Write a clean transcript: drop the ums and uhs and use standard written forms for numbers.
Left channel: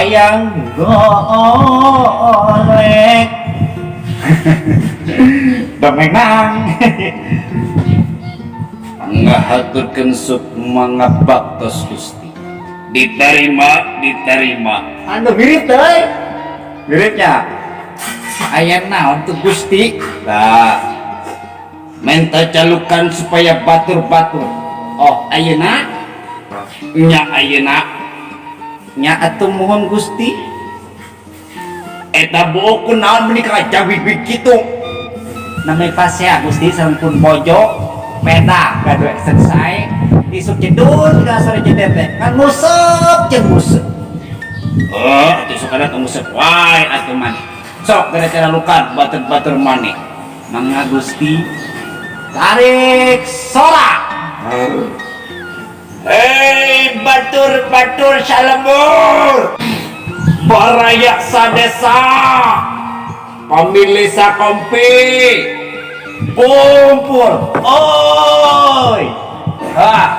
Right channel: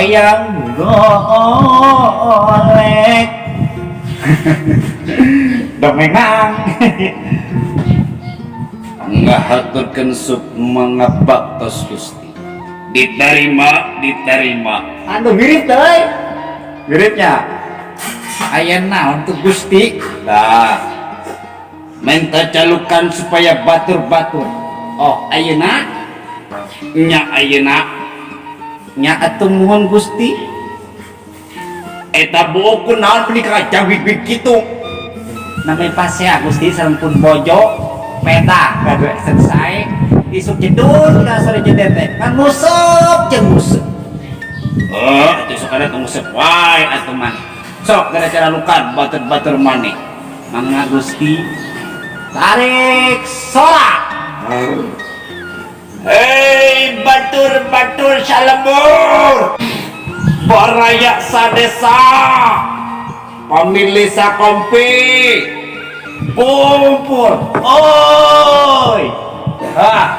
hayang golek Domenang ngahaturkeun sup mga baktos Gusti. Diterima. Anu mirip teh. Miripnya. Aya naon tuh Gusti? Tah. Minta calukan supaya batur-batur. Oh, ayeuna? Nya ayeuna. Nya atuh mohon Gusti. Eta buuk kunaon menikah jambig-big kitu. Namanya pasea Gusti sareng pun bojo peda gadwe selesai isuk jedul ka sore jedet teh kan nguseup jeung nguseup. Atuh sok ada nguseup wae atuh maneh. Sok gara cara lukan batur-batur maneh. Mangga Gusti tarik sorak. Hei batur-batur salemur. Baraya sadesa. Pamilih sakompi. Kumpul. Oi. Ah.